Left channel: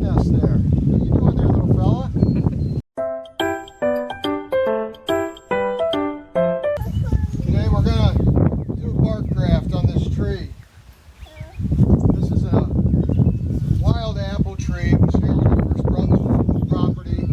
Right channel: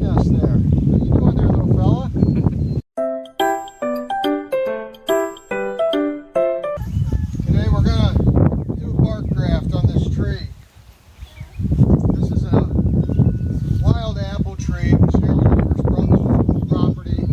nest there. What are you doing there, little fella? Today we're going to do a bark graft on this tree. This is a wild apple tree. It was here when I first brought the property.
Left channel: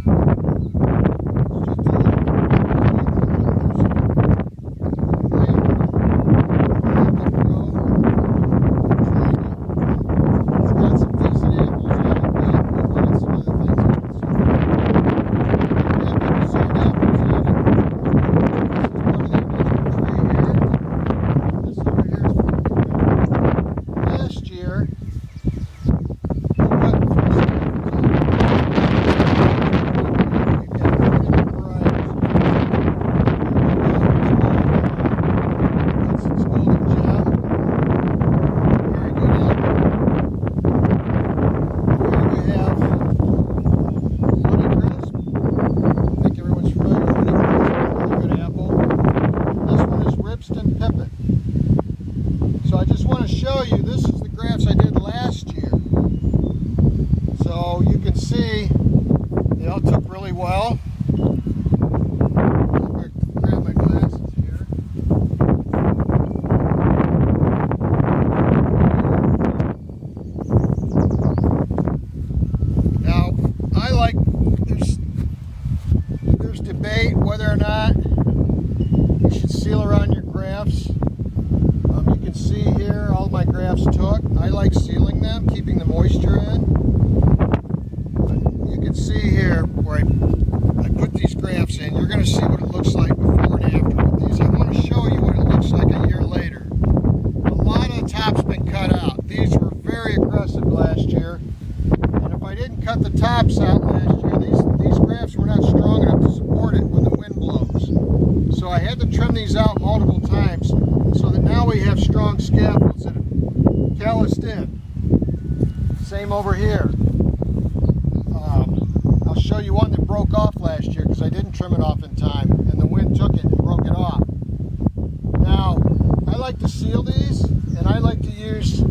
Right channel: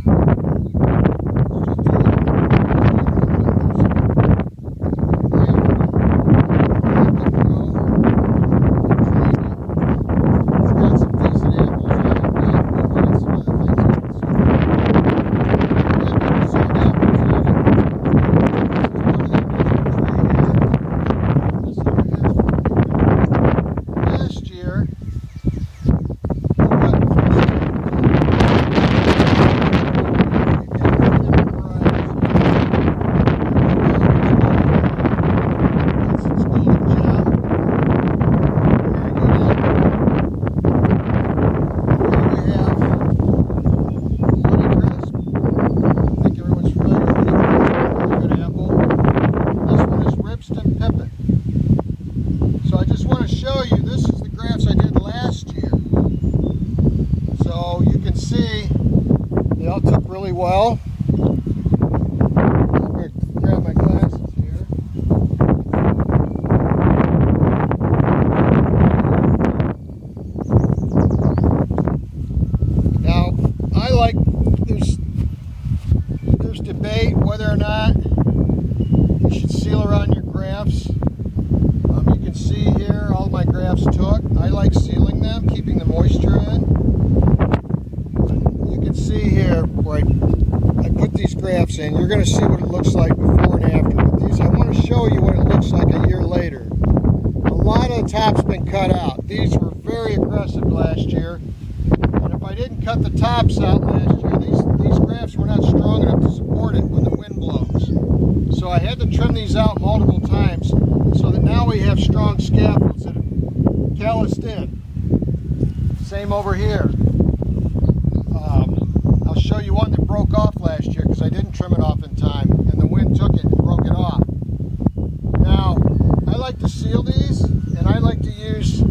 Year. Pepper. So I just want to show you, this is the grafts I did last year. So you can see they all took really well. I'm going to grab my glasses here. Now, I like, there's debate whether or not you should seal around your grafts. You can see here all my grafts took. I like sealing them, keeping the moisture in. You can see here where I put these grafts in. You're going to see what it looks like before and after. But these, I want to show you what it looks like a year later. A lot of the top's been cut out. These were very aggressive last year. And if I didn't cut the tops out last year, these grafts were not strong enough to support it when the wind blows. So I had to trim these out multiple times so that now we have strong scaffolds that are calloused in. Same over here. I'll show you one that broke off last year because I didn't trim it off in time and the wind took it and broke it off. Now, I like to seal these and I like to use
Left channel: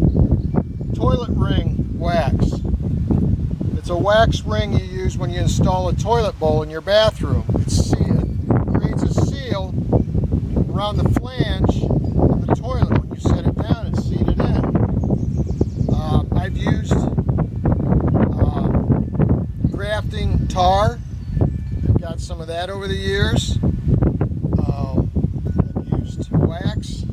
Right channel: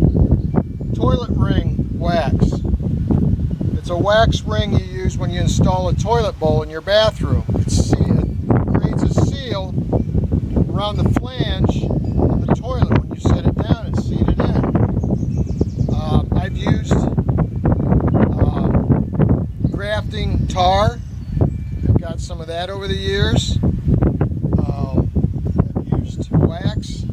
toilet ring wax. It's a wax ring you use when you install a toilet bowl in your bathroom. It creates a seal around the flange of the toilet when you set it down and seat it in. I've used grafting tar. I've got some of that over the years. I've used wax,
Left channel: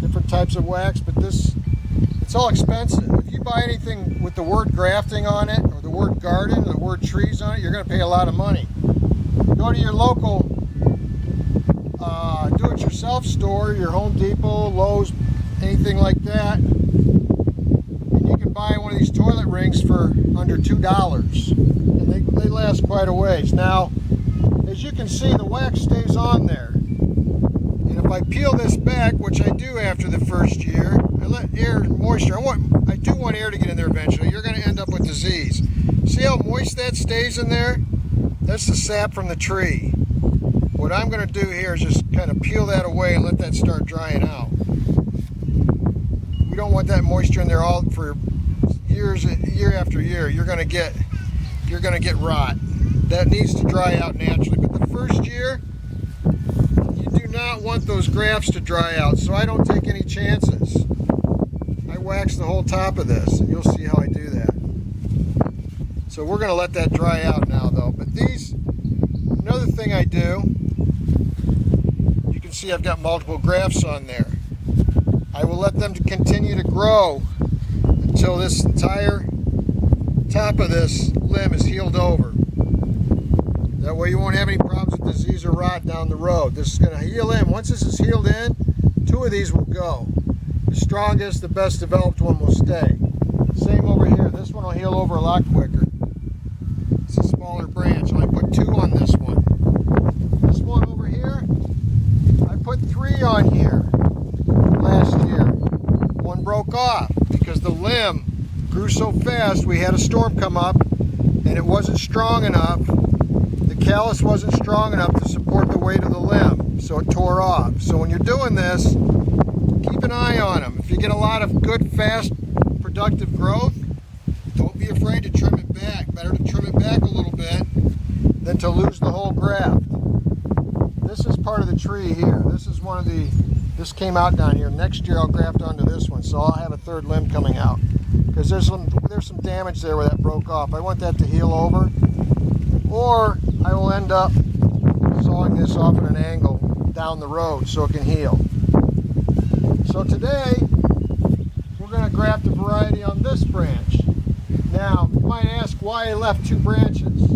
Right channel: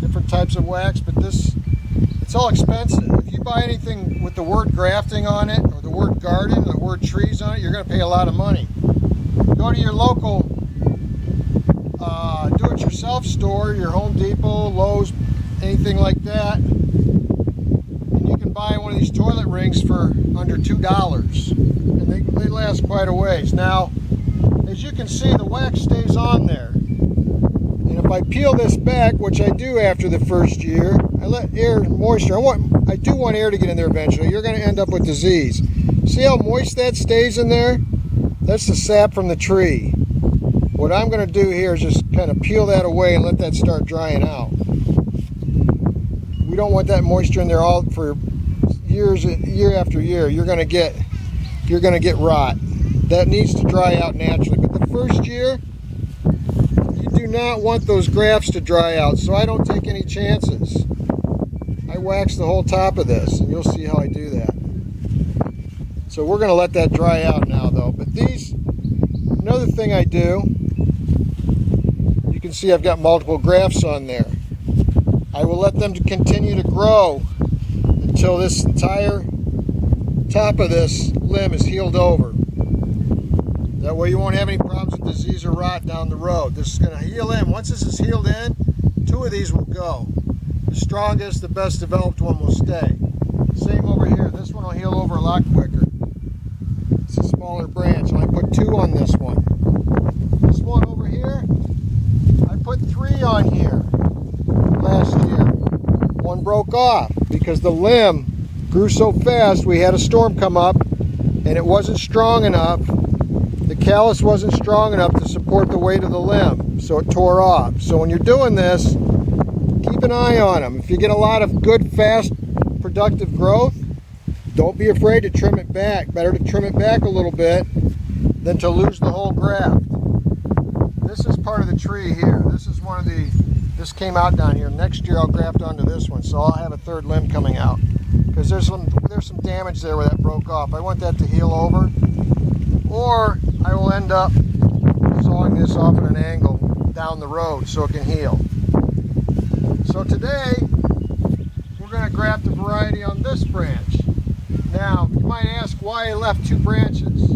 different types of wax, but it's all expensive. If you buy anything with the word grafting on it, or the word garden, or the word trees on it, you're going to pay a lot of money. Go to your local do-it-yourself store, your Home Depot, Lowe's, anything like that, and you can buy one of these toilet rings for under $2, and they last quite a ways. Now, as you can see, the wax stays on there, and if I peel this back, which I do after the first year, I let air and moisture. I do want air to get in there eventually. You're going to end up with disease. See how moist that stays in there? That's the sap from the tree. What I'm going to do here is just kind of peel that away and let that start drying out. We don't want that moisture in there all for years, year after year. You're going to get rot. That needs to dry out naturally. But the first year, you do not want those grafts to dry out, so I don't take any chances. I wax the whole top of this, and you'll see how I do that. So we're going to let that dry out now, though. But these, another thing I do, you can see I've got multiple grafts on there. I will let them continue to grow until this entire top of this limb is healed over. That way you won't have any problems with disease or rot down the road. This is going to heal in. Once this is healed in, 2 of these will go. The strongest, the best developed one will stay. Same over here. This one will heal over a lot quicker. It's a smaller branch. I put 2 on this one. This one over here, I put 3 on here last year. 1 broke off because the limb grew so fast. We had a storm come up and it wasn't strong enough. The callus wasn't strong enough to support the weight of the limb, so it tore off. So when you're doing this, keep an eye on them. If you get a lot of good, fast, productive growth, don't be afraid to trim it back. Better to trim it back a little bit than to lose the whole graft. This is part of the tree here. This is one of the, this came out down here. Next year I'll graft onto this one, so I'll have a third limb coming out. Because there's some damage there where that broke off. I want that to heal over. Or I will end up sawing this off at an angle down the road so it can heal. So today, we're going to graft a variety on this branch. Now, you might ask why I left 2 branches.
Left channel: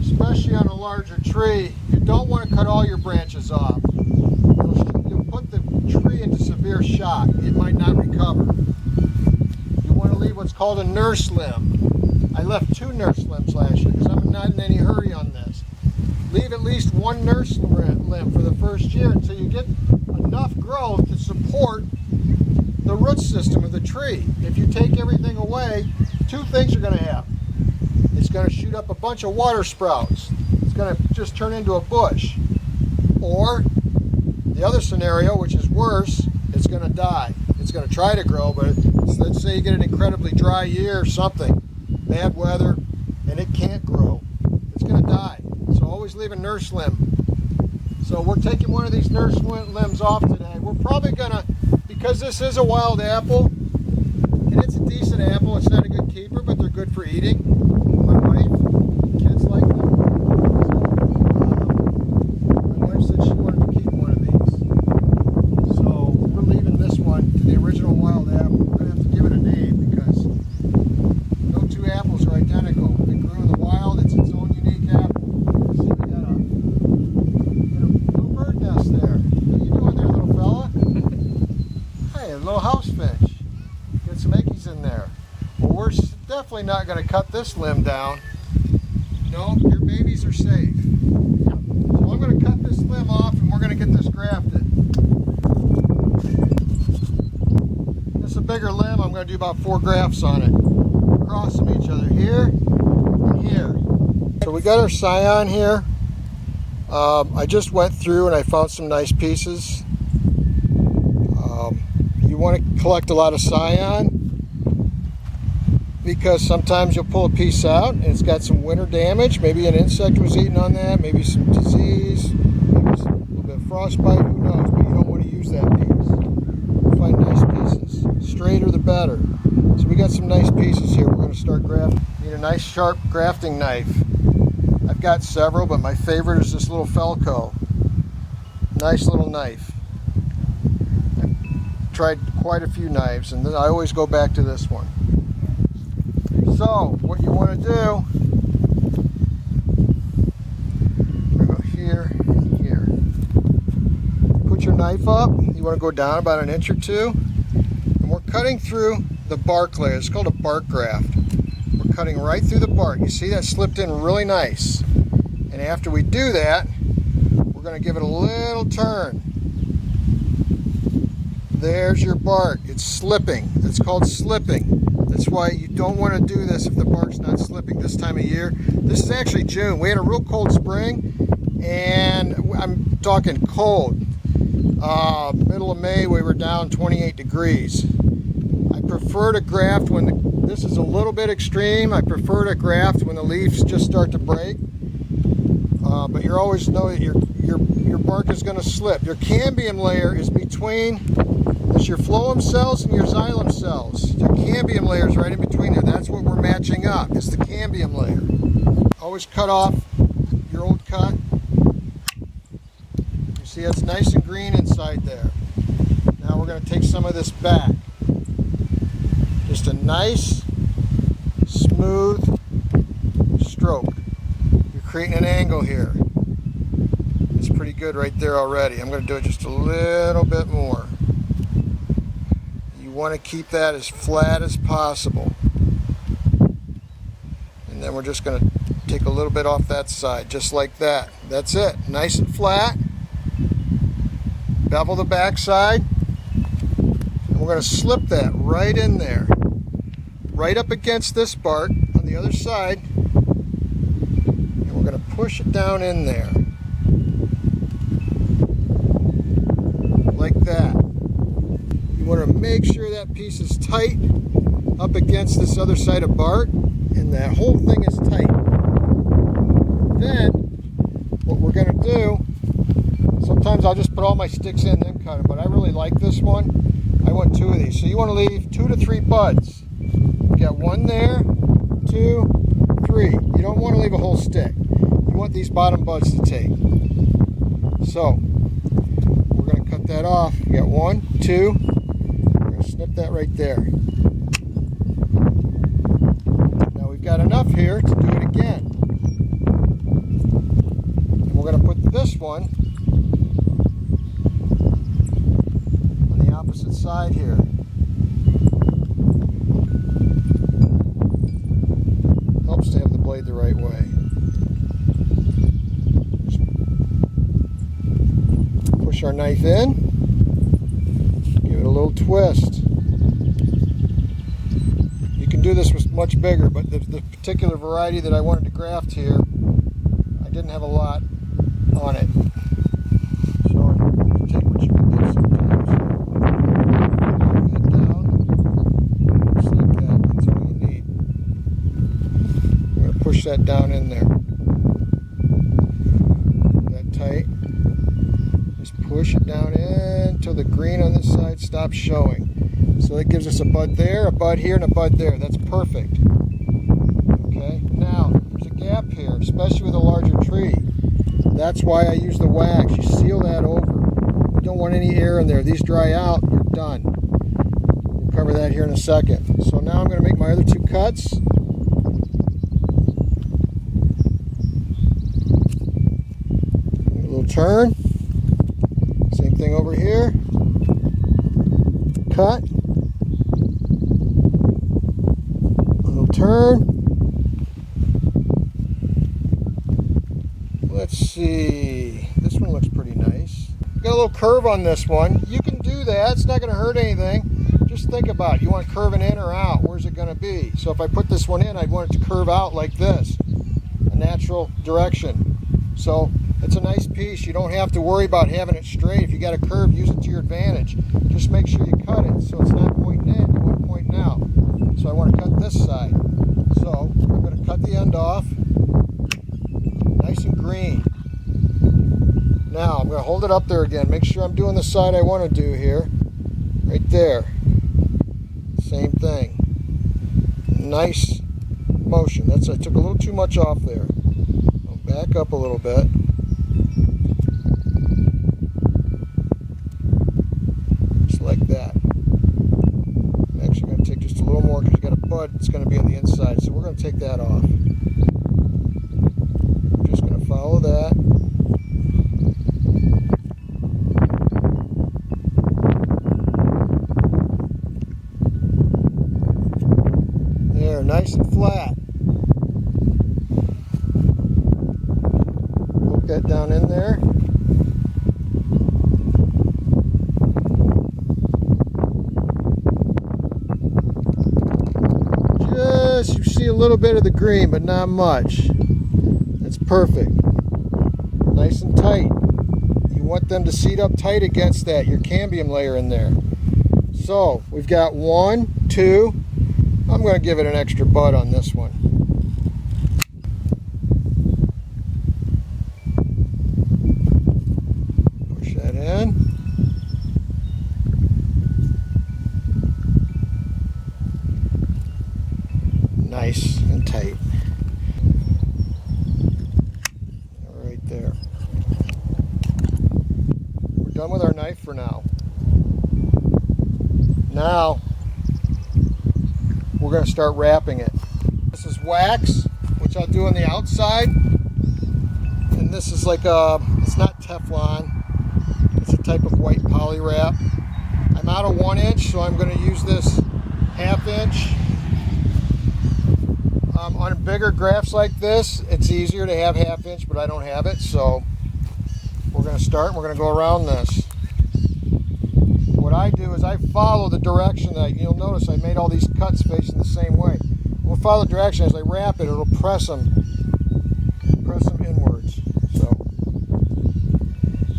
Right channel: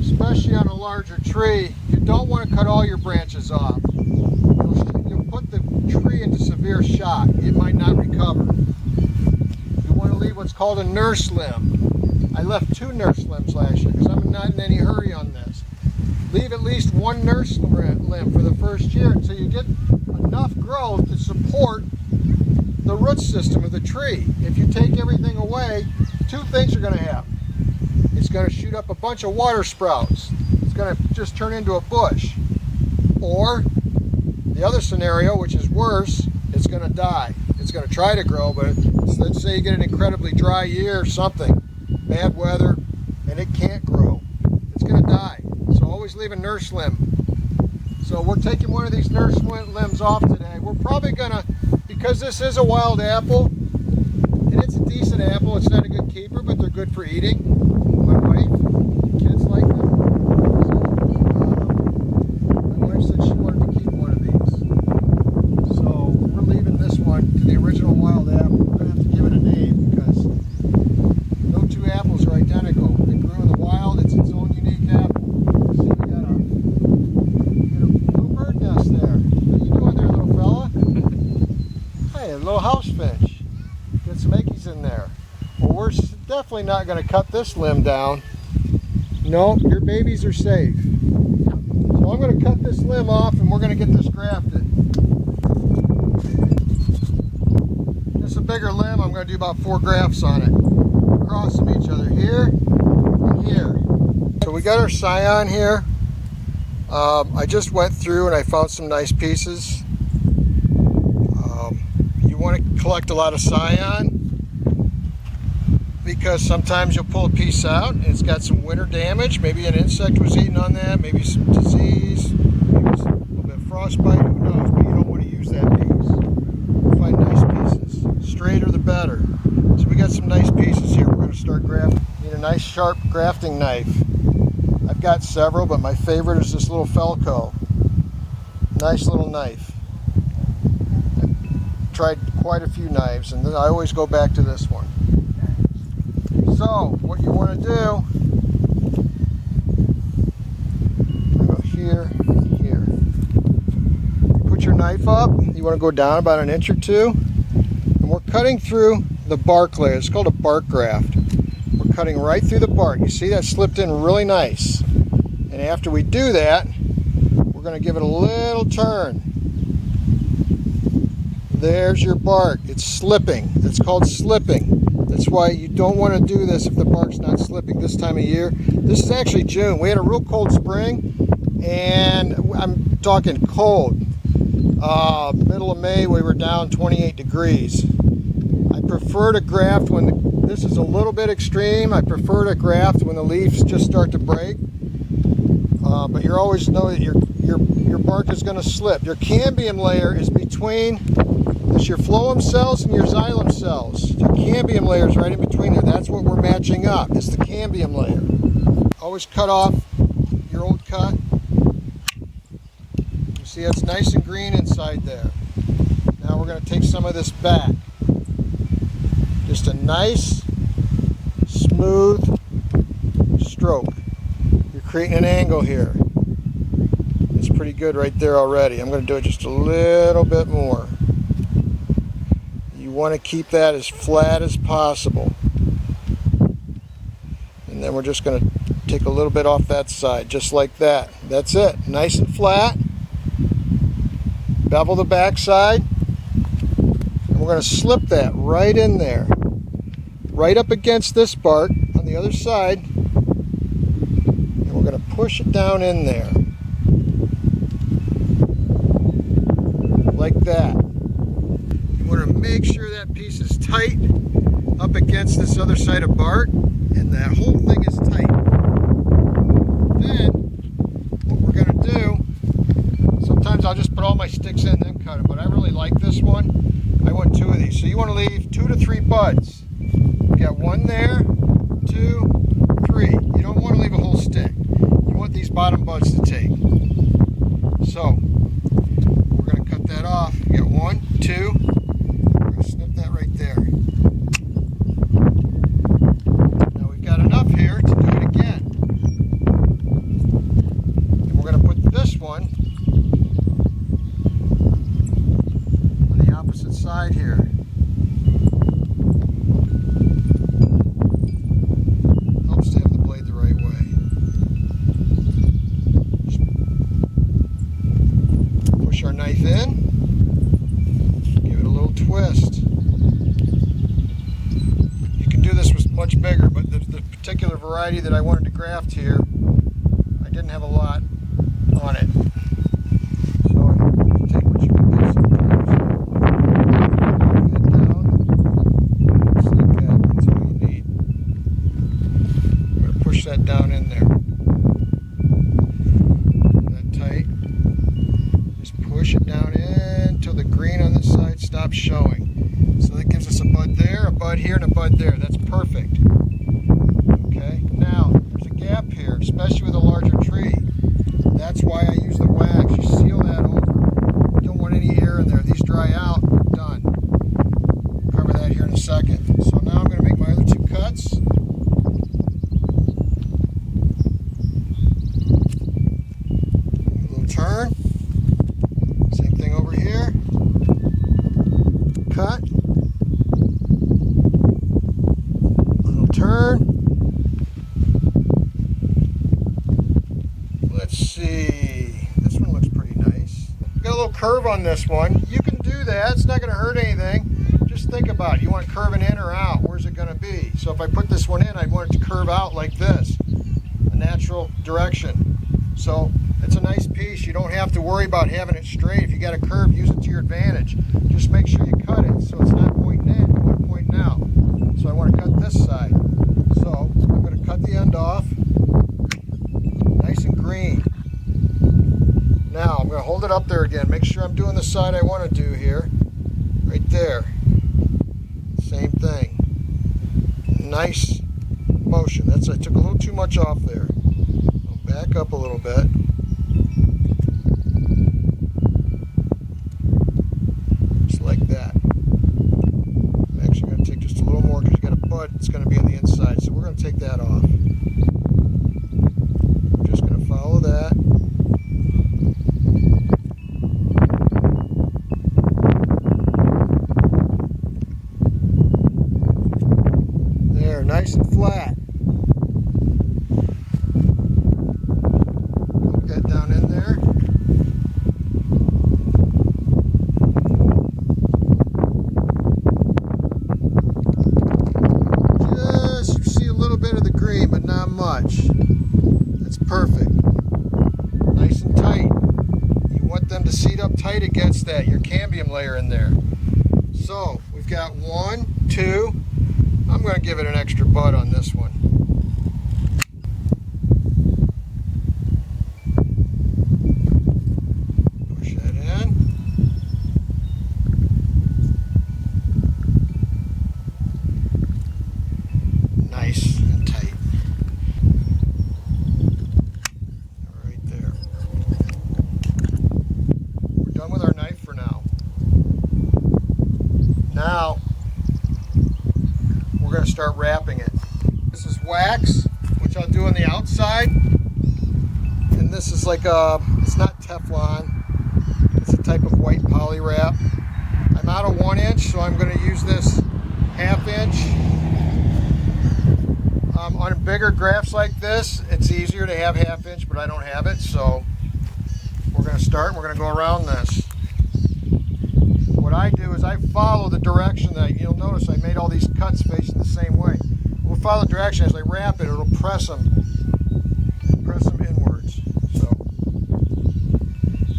Especially on a larger tree, you don't want to cut all your branches off. You'll put the tree into severe shock. It might not recover. You want to leave what's called a nurse limb. I left 2 nurse limbs last year because I'm not in any hurry on this. Leave at least 1 nurse limb for the first year until you get enough growth to support the root system of the tree. If you take everything away, 2 things are going to happen. It's going to shoot up a bunch of water sprouts. It's going to just turn into a bush. Or the other scenario, which is worse, it's going to die. It's going to try to grow, but let's say you get an incredibly dry year or something, bad weather, and it can't grow. It's going to die. So always leave a nurse limb. So we're taking one of these nurse limbs off today. We're probably going to, because this is a wild apple, and it's a decent apple, it's not a good keeper, but they're good for eating. My wife, kids like them. My wife said she wanted to keep one of these. So we're leaving this one to the original wild apple. We're going to have to give it a name because no 2 apples are identical. It grew in the wild, it's its own unique apple. See, we got a little bird nest there. What are you doing there, little fella? Hey, a little house finch. Get some eggies in there. Well, we're definitely not going to cut this limb down. No, your babies are safe. So I'm going to cut this limb off and we're going to get this grafted. This is a bigger limb. I'm going to do about 4 grafts on it. Across from each other here and here. So we got our scion here. I just went through and I found some nice pieces. You want to collect a lot of scion because sometimes you'll pull a piece out and it's got some winter damage. Maybe an insect was eating on that, maybe some disease, a little bit of frostbite, who knows, but you don't want to use that piece. You'll find nice pieces. Straighter the better. So we got some nice pieces here. We're going to start grafting. Need a nice sharp grafting knife. I've got several, but my favorite is this little Felco. Nice little knife. Tried quite a few knives and then I always go back to this one. So what you want to do, go here, here. Put your knife up. You want to go down about an inch or 2, and we're cutting through the bark layer. It's called a bark graft. We're cutting right through the bark. You see that slipped in really nice. And after we do that, we're going to give it a little turn. There's your bark. It's slipping. It's called slipping. That's why you don't want to do this if the bark's not slipping this time of year. This is actually June. We had a real cold spring, and I'm talking cold. Middle of May, we were down 28 degrees. I prefer to graft when this is a little bit extreme. I prefer to graft when the leaves just start to break. But you always know that your bark is going to slip. Your cambium layer is between your phloem cells and your xylem cells. Your cambium layer is right in between there. That's what we're matching up. It's the cambium layer. Always cut off your old cut. You see it's nice and green inside there. Now we're going to take some of this back. Just a nice, smooth stroke. You're creating an angle here. It's pretty good right there already. I'm going to do it just a little bit more. You want to keep that as flat as possible. And then we're just going to take a little bit off that side, just like that. That's it. Nice and flat. Bevel the back side. And we're going to slip that right in there. Right up against this bark on the other side. And we're going to push it down in there. Like that. You want to make sure that piece is tight up against this other side of bark, and that whole thing is tight. Then what we're going to do, sometimes I'll just put all my sticks in and then cut them, but I really like this one. I want 2 of these. So you want to leave 2 to 3 buds. You got 1 there, 2, 3. You don't want to leave a whole stick. You want these bottom buds to take. So we're going to cut that off. You got 1, 2. We're going to snip that right there. Now we've got enough here to do it again. And we're going to put this one on the opposite side here. Helps to have the blade the right way. Just push our knife in, give it a little twist. You can do this with much bigger, but the particular variety that I wanted to graft here, I didn't have a lot on it. So you take what you can get sometimes. Get down, just like that. That's all you need. I'm going to push that down in there. That tight. Just push it down in until the green on this side stops showing. So that gives us a bud there, a bud here, and a bud there. That's perfect. Okay, now there's a gap here, especially with a larger tree. That's why I use the wax. You seal that over. You don't want any air in there. These dry out, you're done. We'll cover that here in a second. So now I'm going to make my other 2 cuts. A little turn. Same thing over here. Cut. A little turn. Let's see. This one looks pretty nice. Got a little curve on this one. You can do that. It's not going to hurt anything. Just think about it. You want it curving in or out? Where's it going to be? So if I put this one in, I'd want it to curve out like this. A natural direction. So it's a nice piece. You don't have to worry about having it straight. If you got a curve, use it to your advantage. Just make sure you cut it so it's not pointing in, you want it pointing out. So I want to cut this side. So I'm going to cut the end off. Nice and green. Now I'm going to hold it up there again. Make sure I'm doing the side I want to do here. Right there. Same thing. Nice motion. I took a little too much off there. I'll back up a little bit. Just like that. I'm actually going to take just a little more because you got a bud that's going to be on the inside. So we're going to take that off. Just going to follow that. There, nice and flat. Poke that down in there. Just, you see a little bit of the green, but not much. That's perfect. Nice and tight. You want them to seat up tight against that, your cambium layer in there. So, we've got 1, 2. I'm going to give it an extra bud on this one. Push that in. Nice and tight. Right there. We're done with our knife for now. Now, we're going to start wrapping it. This is wax, which I'll do on the outside. And this is like it's not Teflon. It's a type of white poly wrap. I'm out of 1 inch, so I'm going to use this 1/2 inch. On bigger grafts like this, it's easier to have 1/2 inch, but I don't have it. So we're going to start, and we're going to go around this. What I do is I follow the direction that, you'll notice I made all these cuts facing the same way. We'll follow the direction as I wrap it, it'll press them inwards. So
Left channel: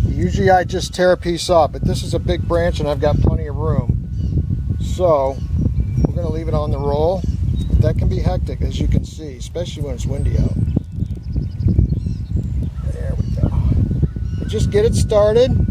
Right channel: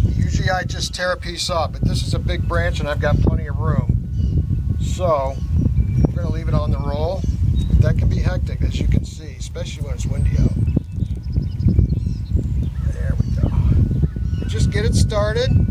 usually I just tear a piece off, but this is a big branch and I've got plenty of room. So We're going to leave it on the roll. But that can be hectic, as you can see, especially when it's windy out. There we go. We'll just get it started.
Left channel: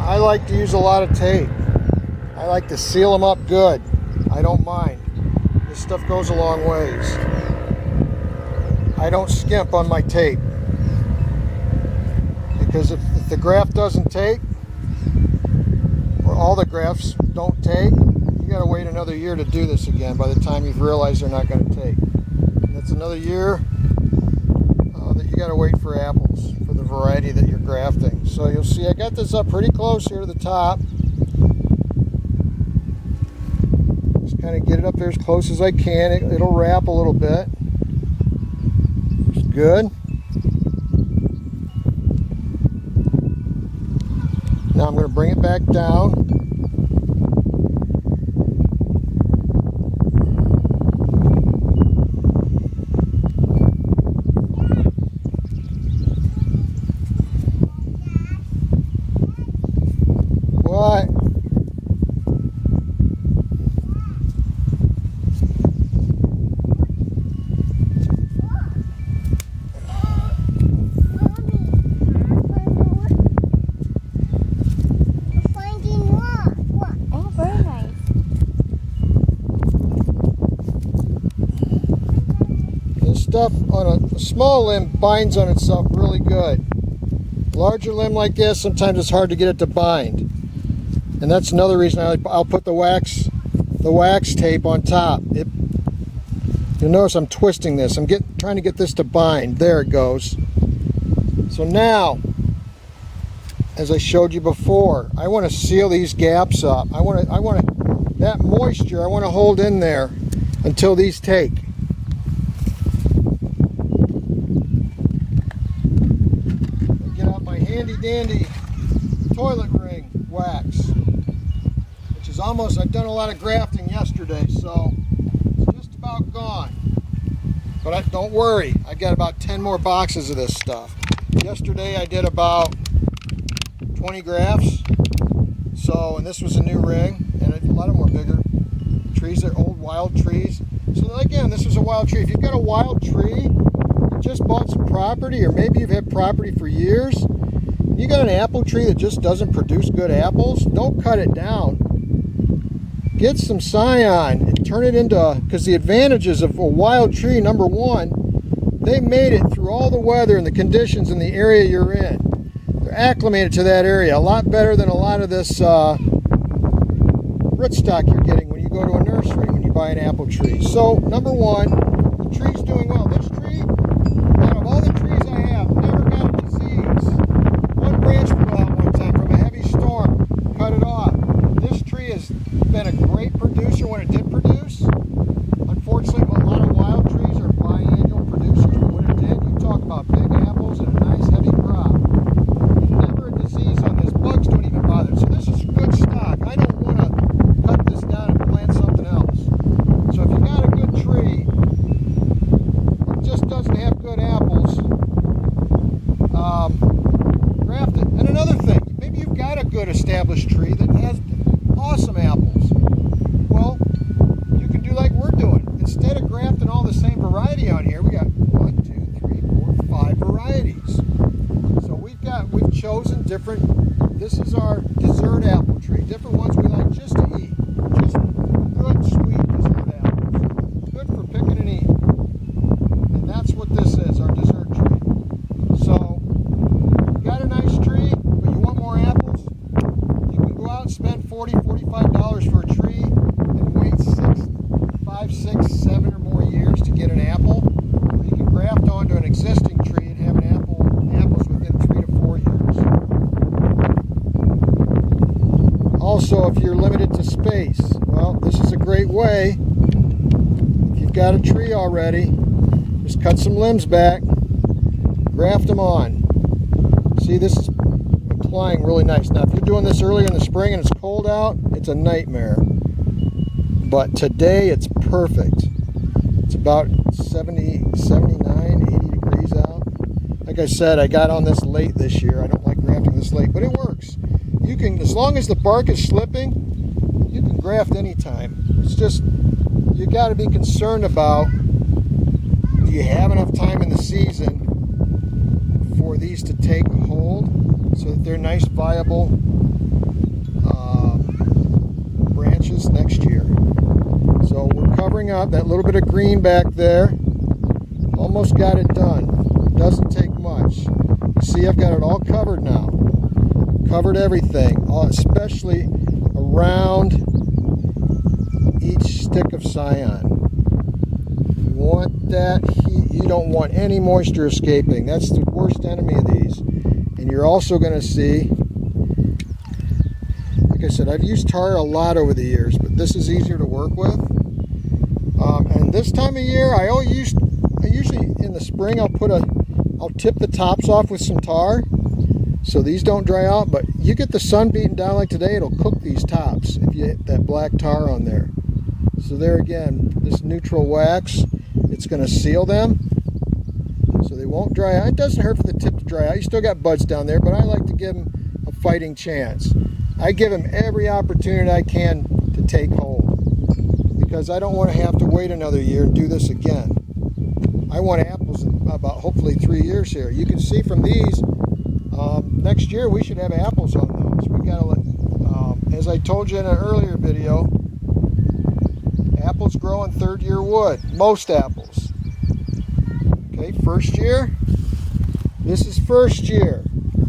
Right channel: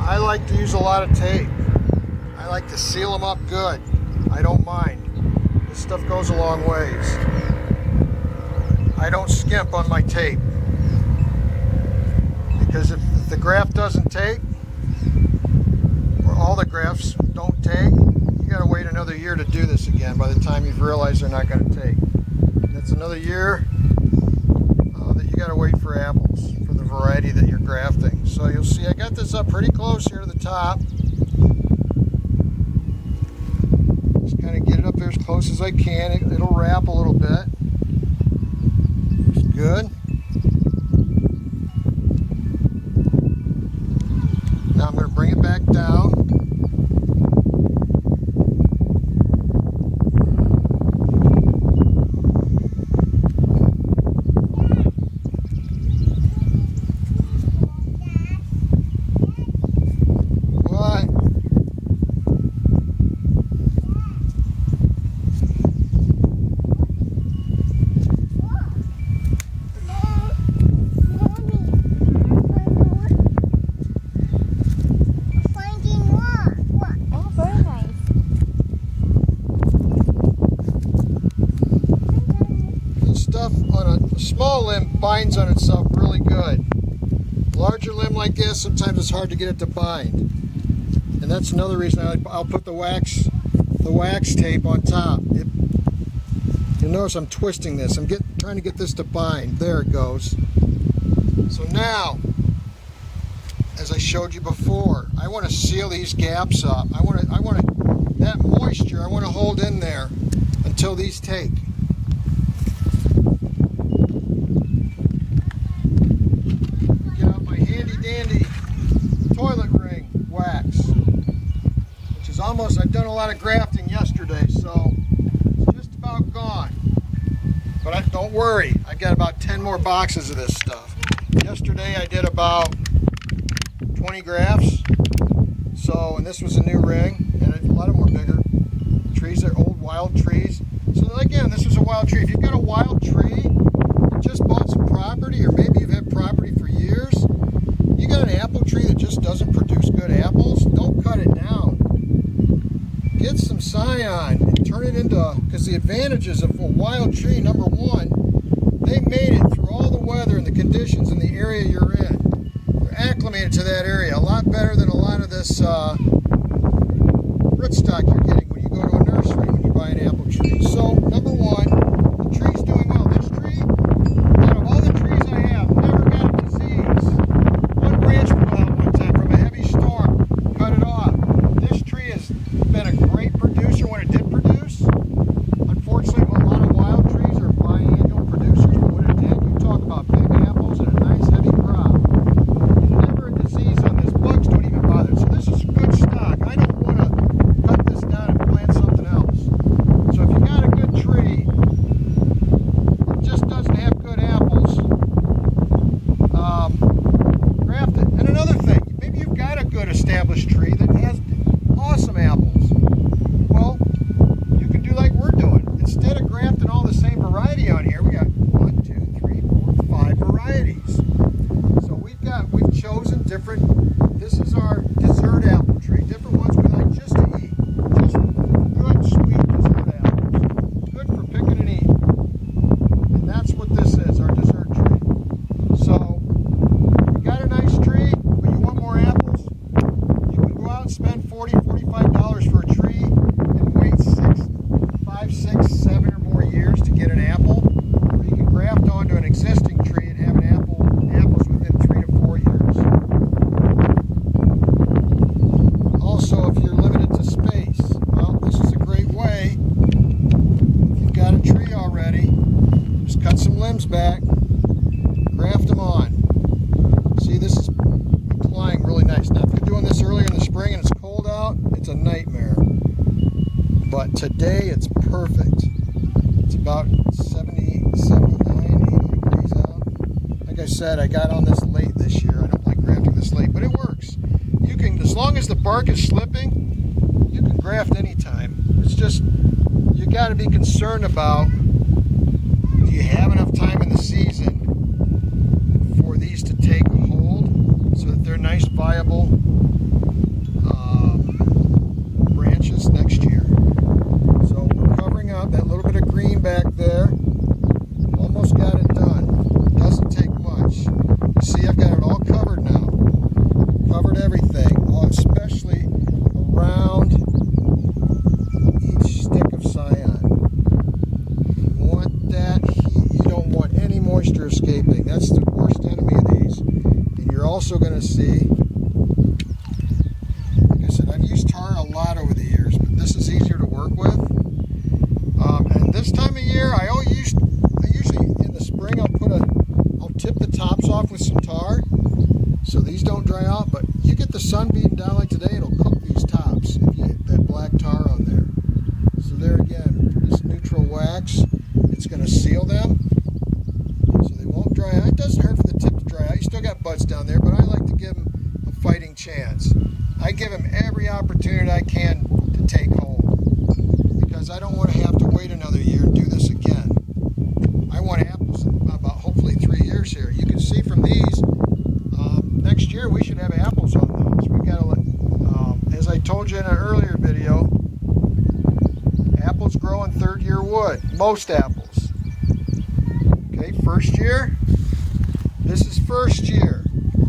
I like to use a lot of tape. I like to seal them up good. I don't mind. This stuff goes a long ways. I don't skimp on my tape. Because if the graft doesn't take, or all the grafts don't take, you gotta wait another year to do this again by the time you've realized they're not gonna take. And that's another year that you gotta wait for apples, for the variety that you're grafting. So you'll see I got this up pretty close here to the top. Just kind of get it up there as close as I can. It'll wrap a little bit. Looks good. Now I'm going to bring it back down. What? Oh, very nice. This stuff on a small limb binds on itself really good. Larger limb like this, sometimes it's hard to get it to bind. And that's another reason I'll put the wax tape on top. You'll notice I'm twisting this. I'm trying to get this to bind. There it goes. So now, as I showed you before, I want to seal these gaps up. That moisture I want to hold in there until these take. Get out my handy dandy toilet ring wax, which is almost, I've done a lot of grafting yesterday, so it's just about gone. But don't worry, I got about 10 more boxes of this stuff. Yesterday I did about 20 grafts, and this was a new ring, and a lot of them were bigger trees. They're old wild trees. So again, this was a wild tree. If you've got a wild tree, you just bought some property, or maybe you've had property for years, you got an apple tree that just doesn't produce good apples, don't cut it down. Get some scion and turn it into, because the advantages of a wild tree, number one, they made it through all the weather and the conditions in the area you're in. They're acclimated to that area a lot better than a lot of this rootstock you're getting when you go to a nursery when you buy an apple tree. So, number one, the tree's doing well. This tree, out of all the trees I have, never got a disease. One branch blew out one time from a heavy storm, cut it off. This tree has been a great producer when it did produce. Unfortunately, a lot of wild trees are biannual producers, but when it did, you talk about big apples and a nice heavy crop. Never a disease on this. Bugs don't even bother. So this is good stock. I don't want to cut this down and plant something else. So if you got a good tree, it just doesn't have good apples, graft it. And another thing, maybe you've got a good established tree that has awesome apples. Well, you can do like we're doing. Instead of grafting all the same variety on here, we got 1, 2, 3, 4, 5 varieties. So we've chosen different. This is our dessert apple tree. Different ones we like just to eat. Just good, sweet dessert apples. Good for picking and eating. And that's what this is, our dessert tree. So, you got a nice tree, but you want more apples, you can go out and spend $40, $45 for a tree and wait 5, 6, 7 or more years to get an apple. Or you can graft onto an existing tree and have apples within 3 to 4 years. Also, if you're limited to space, Well, this is a great way. If you've got a tree already, just cut some limbs back, graft them on. See, this is applying really nice. Now, if you're doing this earlier in the spring and it's cold out, it's a nightmare. But today, it's perfect. It's about 70, 79, 80 degrees out. Like I said, I got on this late this year. I don't like grafting this late, but it works. You can, as long as the bark is slipping, you can graft anytime. It's just, you got to be concerned about, do you have enough time in the season for these to take hold so that they're nice, viable branches next year. So we're covering up that little bit of green back there. Almost got it done. Doesn't take much. You see, I've got it all covered now. Covered everything, especially around each stick of scion. You want that heat. You don't want any moisture escaping. That's the worst enemy of these. And you're also going to see, like I said, I've used tar a lot over the years, but this is easier to work with. And this time of year, I usually in the spring I'll tip the tops off with some tar so these don't dry out. But you get the sun beating down like today, it'll cook these tops if you hit that black tar on there. So there again, this neutral wax, it's going to seal them so they won't dry out. It doesn't hurt for the tip to dry out. You still got buds down there, but I like to give them a fighting chance. I give them every opportunity I can to take hold because I don't want to have to wait another year and do this again. I want apples in about hopefully 3 years here. You can see from these, next year we should have apples on those. We gotta, as I told you in an earlier video, apples grow in third-year wood. Most apples. Okay, first year. This is first year.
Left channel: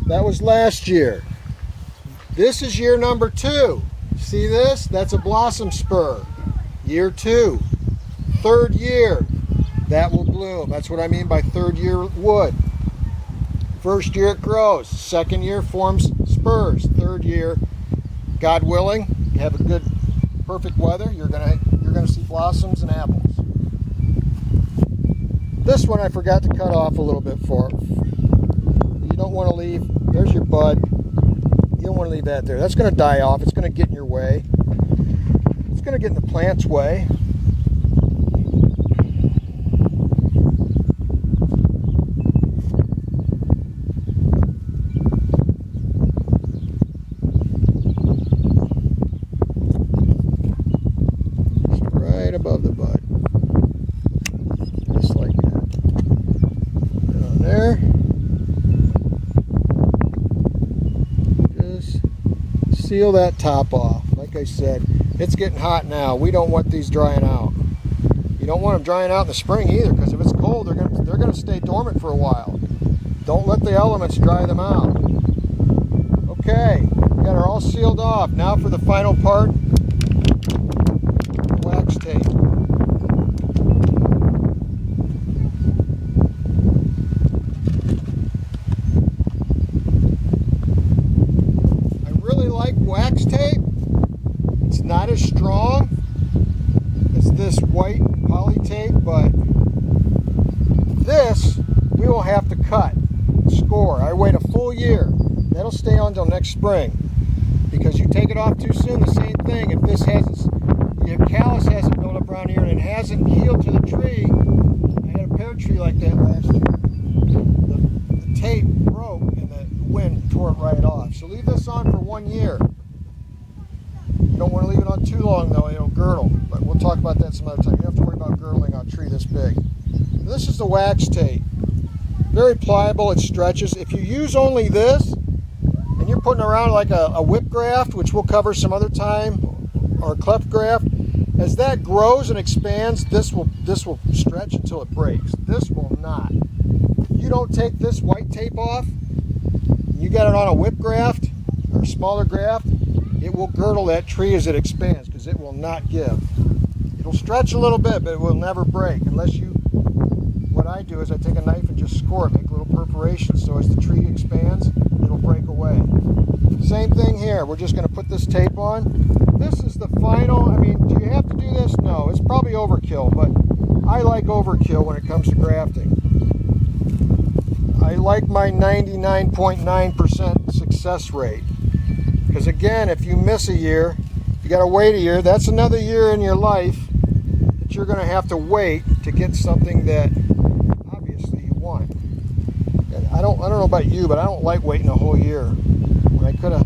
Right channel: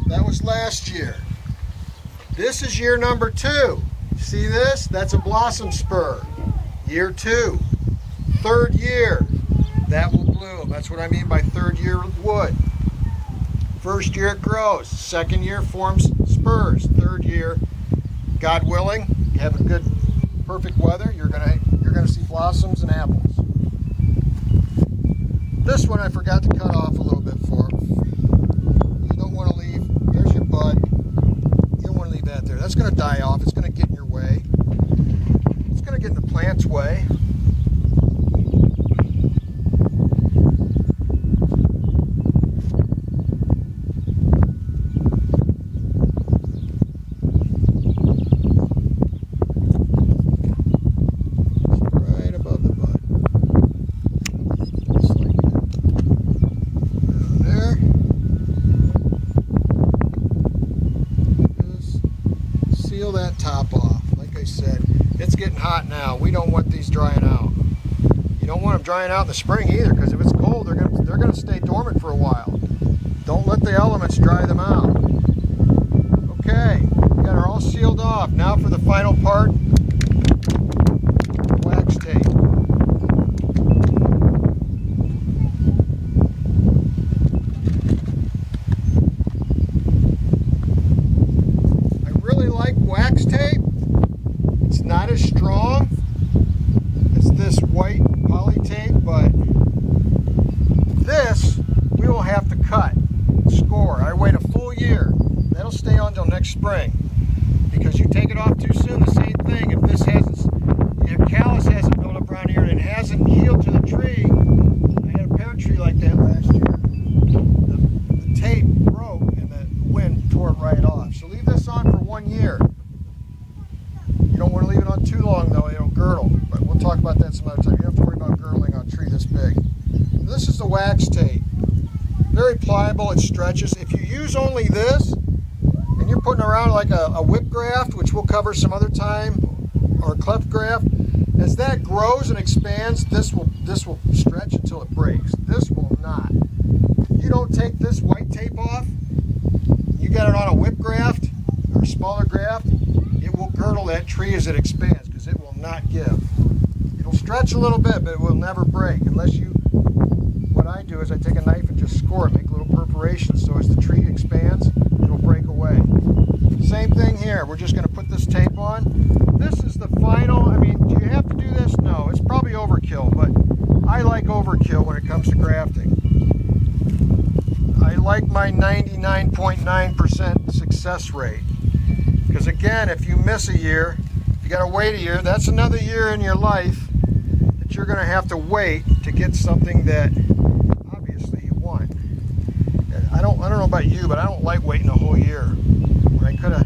That was last year. This is year number 2. See this? That's a blossom spur. Year 2. Third year. That will bloom. That's what I mean by third year wood. First year it grows. Second year forms spurs. Third year, God willing, you have a good, perfect weather, you're gonna see blossoms and apples. This one I forgot to cut off a little bit for. You don't want to leave. There's your bud. You don't want to leave that there. That's going to die off. It's going to get in your way. It's going to get in the plant's way. Right above the bud. Just like that. Put it on there. Just seal that top off. Like I said, it's getting hot now. We don't want these drying out. You don't want them drying out in the spring either, because if it's cold, they're gonna stay dormant for a while. Don't let the elements dry them out. Okay, we got her all sealed off. Now for the final part, wax tape. I really like wax tape. It's not as strong as this white poly tape, but this we will have to cut, score. I wait a full year. That'll stay on until next spring, because you take it off too soon, the same thing. If this has, your callus hasn't built up around here and it hasn't healed to the tree. I had a pear tree like that last year. The tape broke and the wind tore it right off. So leave this on for 1 year. You don't want to leave it on too long though, it'll girdle. But we'll talk about that some other time. You don't have to worry about girdling on a tree this big. This is the wax tape. Very pliable, it stretches. If you use only this, and you're putting around like a whip graft, which we'll cover some other time, or a cleft graft, as that grows and expands, this will stretch until it breaks. This will not. If you don't take this white tape off, you got it on a whip graft or a smaller graft, it will girdle that tree as it expands, because it will not give. It'll stretch a little bit, but it will never break unless you. What I do is I take a knife and just score it, make little perforations, so as the tree expands, it'll break away. Same thing here. We're just going to put this tape on. this is the final. I mean, do you have to do this? No, it's probably overkill, but I like overkill when it comes to grafting. I like my 99.9% success rate. Because again, if you miss a year, you got to wait a year. That's another year in your life that you're going to have to wait to get something that obviously you want. And I don't know about you, but I don't like waiting a whole year when I could have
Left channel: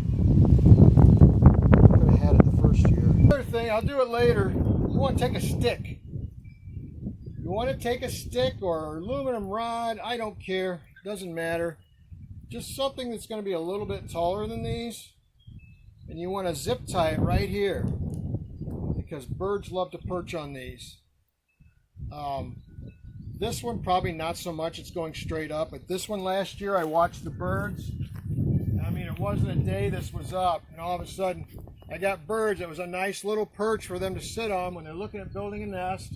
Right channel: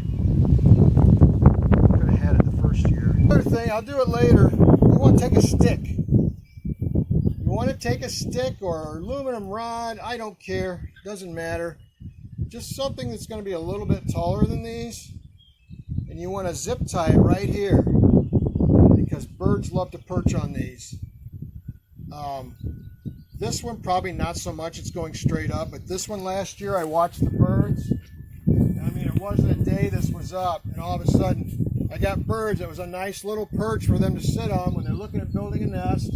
had it the first year. Another thing, I'll do it later. You want to take a stick. You want to take a stick or aluminum rod, I don't care, doesn't matter. Just something that's going to be a little bit taller than these. And you want to zip tie it right here because birds love to perch on these. This one probably not so much, it's going straight up, but this one last year I watched the birds. I mean, it wasn't a day this was up and all of a sudden I got birds. It was a nice little perch for them to sit on when they're looking at building a nest,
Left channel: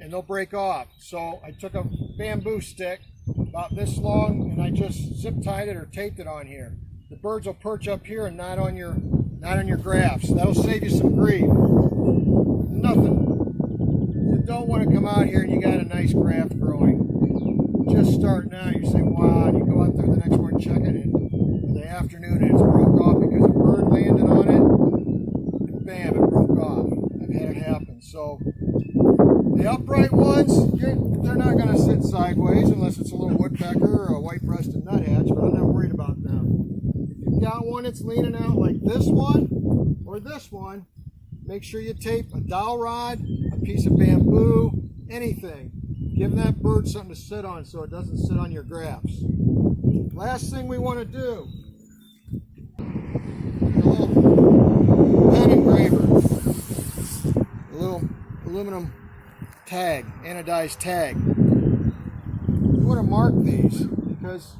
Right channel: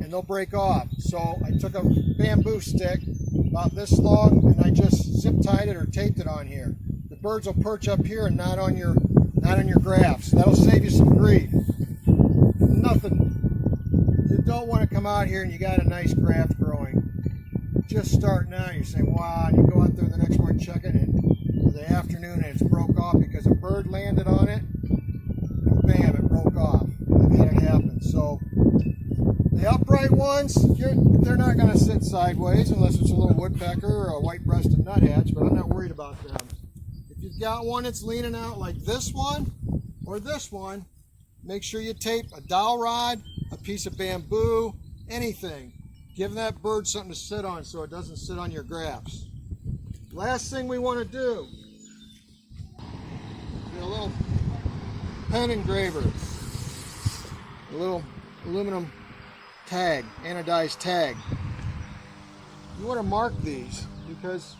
and they'll break off. So I took a bamboo stick about this long and I just zip tied it or taped it on here. The birds will perch up here and not on your grafts. That'll save you some grief. Nothing. You don't want to come out here and you got a nice graft growing. Just starting out, you say, wow, and you go out there the next morning, check it, and the afternoon and it's broke off because a bird landed on it, and bam, it broke off. I've had it happen. So the upright ones, they're not going to sit sideways unless it's a little woodpecker or a white-breasted nuthatch, but I'm not worried about them. If you've got one that's leaning out like this one or this one, make sure you tape a dowel rod, a piece of bamboo, anything. Give that bird something to sit on so it doesn't sit on your grafts. Last thing we want to do, a little pen engraver, a little aluminum tag, anodized tag. You want to mark these because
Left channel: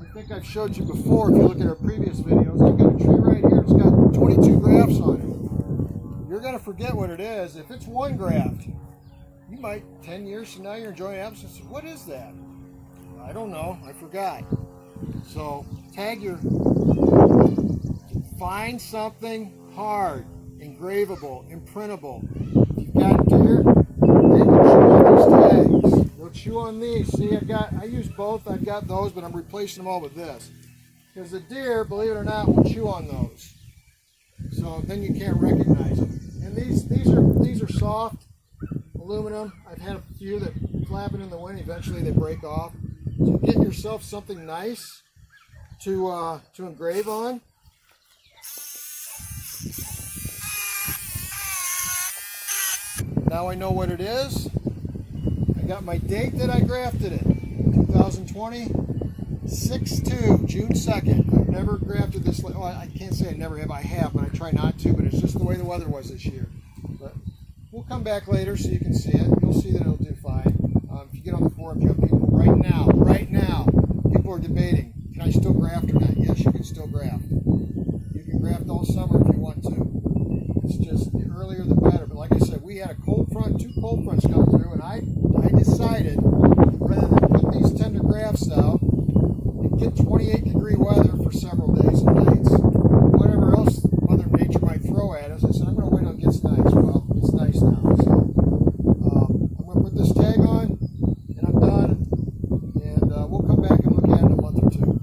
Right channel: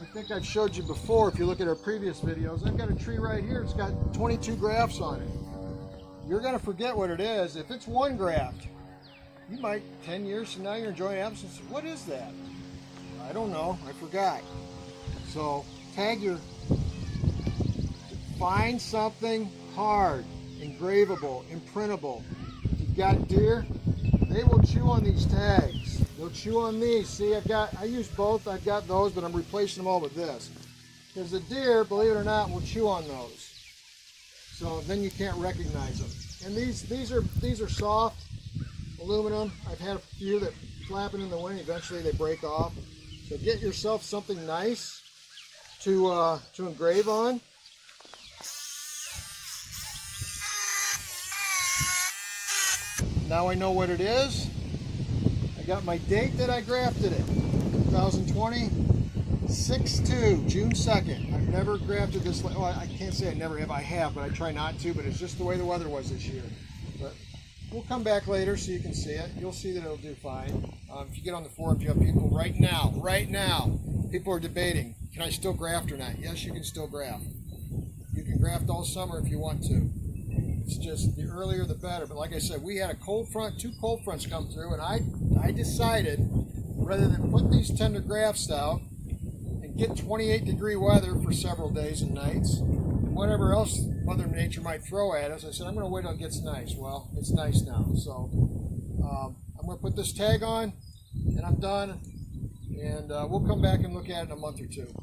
I think I've showed you before, if you look at our previous videos, I've got a tree right here, it's got 22 grafts on it. You're going to forget what it is. If it's one graft, you might, 10 years from now, you're enjoying apples and say, what is that? I don't know, I forgot. So tag your, find something hard, engravable, imprintable. If you've got deer, they can chew on these tags. They'll chew on these. See, I use both, I've got those, but I'm replacing them all with this. Because the deer, believe it or not, will chew on those. So then you can't recognize them. And these are soft aluminum. I've had a few that flapping in the wind, eventually they break off. So get yourself something nice to engrave on. Now I know what it is. I got my date that I grafted it, 2020, 6/2, June 2nd. I've never grafted this, well, I can't say I never have, I have, but I try not to, but it's just the way the weather was this year. But we'll come back later so you can see it. You'll see that it'll do fine. If you get on the forum, you have people right now, people are debating, can I still graft or not? Yes, you can still graft. You can graft all summer if you want to. It's just the earlier the better. But like I said, we had a cold front, 2 cold fronts come through, and I decided rather than put these tender grafts out and get 28-degree weather for several days and nights, whatever else Mother Nature might throw at us, I said, I'm going to wait until it gets nice. Well, it's nice now. So I'm going to put this tag on, and I'm done. And we'll come back and look at it in a month or two.